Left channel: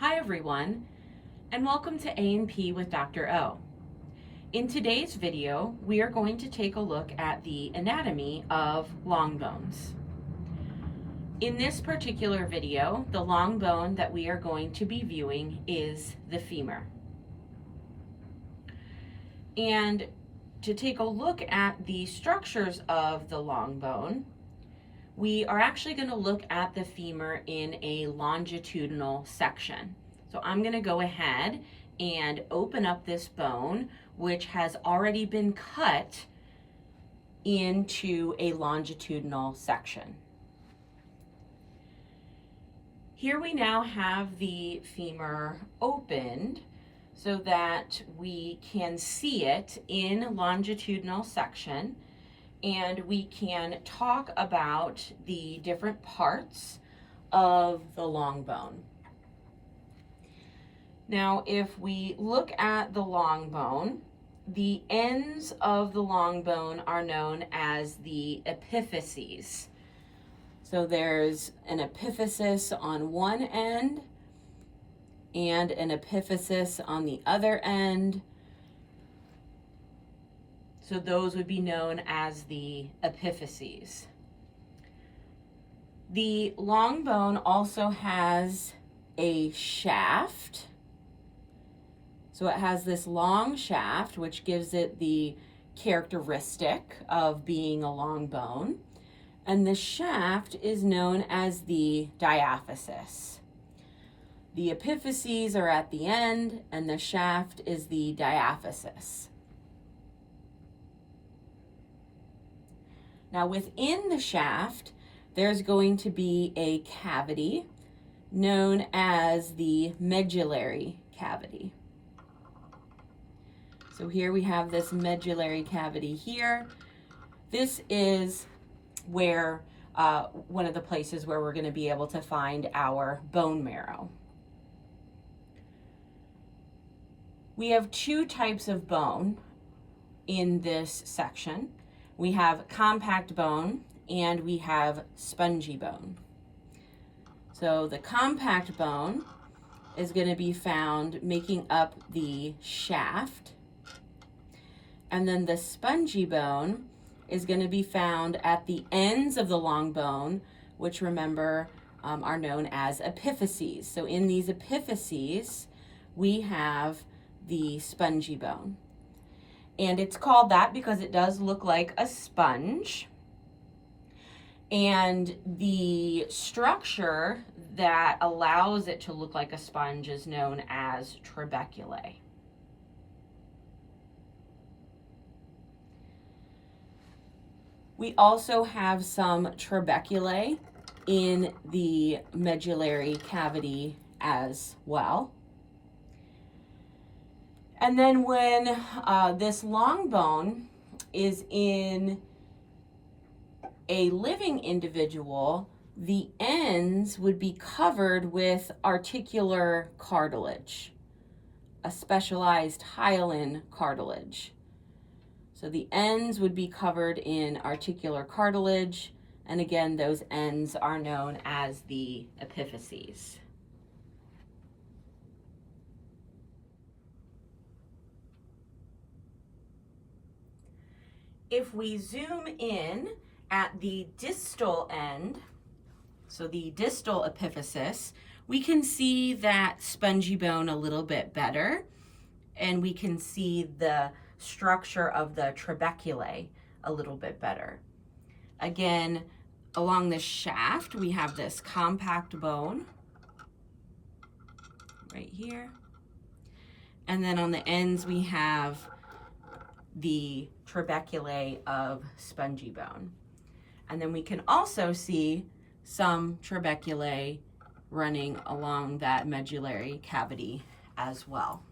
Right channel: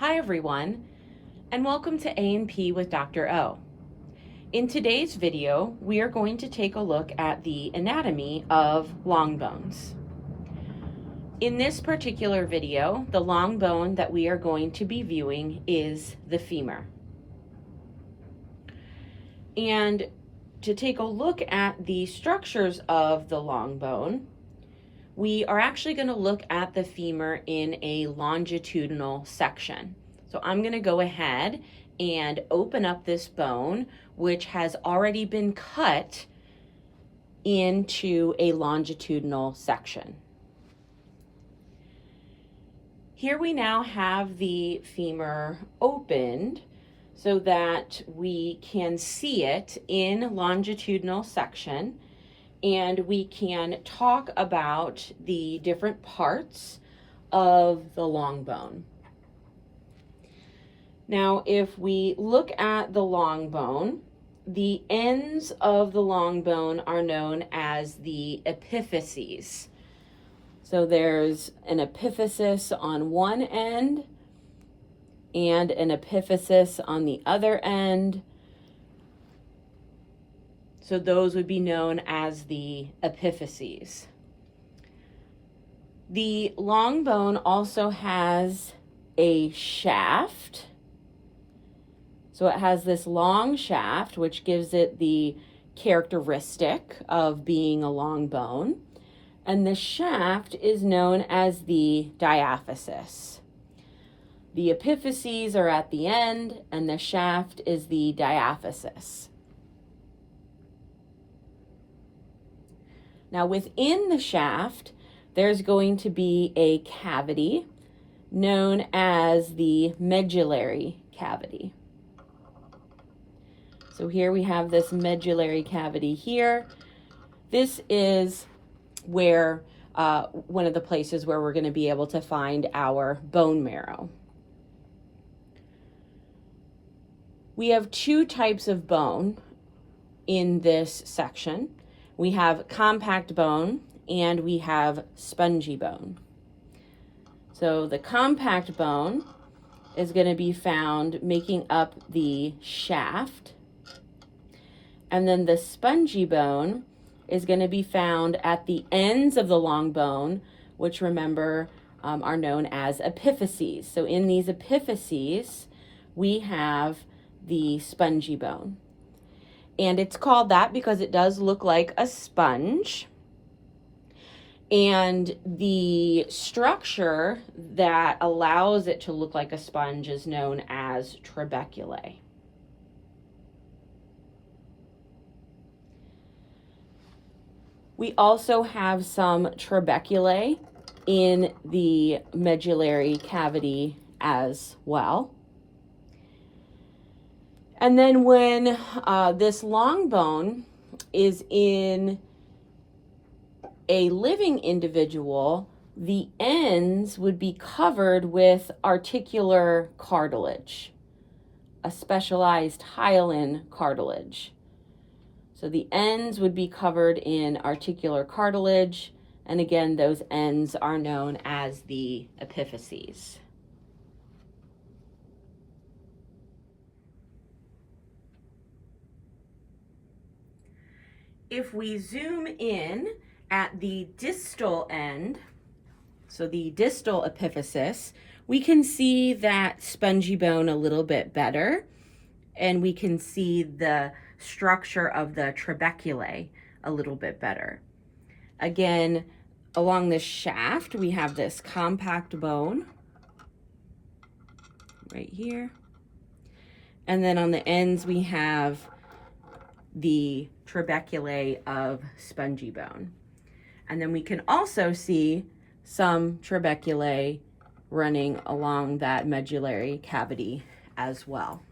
Hi everyone, and welcome to A&P with Dr. O. In today's video, we are going to take a look at the anatomy of long bones. In this particular video, the long bone that we are going to be viewing is the femur. And to take a look at the structures of the long bone, we are actually going to look at the femur in a longitudinal section. So I'm going to go ahead and open up this bone, which has already been cut into a longitudinal section. Here we now have the femur opened so that we can see it in longitudinal section, and we can talk about the different parts of the long bone. Now, if we look at the long bone, the ends of the long bone are known as the epiphyses. So there's an epiphysis on one end and an epiphysis on the other end. So those would be known as the epiphyses. The long bone also has a shaft. So it has this long shaft, which gives it the characteristic of being a long bone. And the shaft is known as the diaphysis. The epiphyses are at the end, and the shaft is the diaphysis. Now within the shaft, there's going to be a cavity known as the medullary cavity. So here we have this medullary cavity here. This is where one of the places where we're going to be able to find our bone marrow. We have two types of bone in this section. We have compact bone and we have spongy bone. So the compact bone is going to be found making up the shaft, and then the spongy bone is going to be found at the ends of the long bone, which remember are known as epiphyses. So in these epiphyses, we have the spongy bone. And it's called that because it does look like a sponge. And the structure that allows it to look like a sponge is known as trabeculae. We also have some trabeculae in the medullary cavity as well. And then when this long bone is in a living individual, the ends would be covered with articular cartilage, a specialized hyaline cartilage. So the ends would be covered in articular cartilage, and again, those ends are known as the epiphyses. If we zoom in at the distal end, so the distal epiphysis, we can see that spongy bone a little bit better, and we can see the structure of the trabeculae a little bit better. Again, along the shaft, we have this compact bone right here. And then on the ends, we have the trabeculae of spongy bone. And then we can also see some trabeculae running along that medullary cavity as well.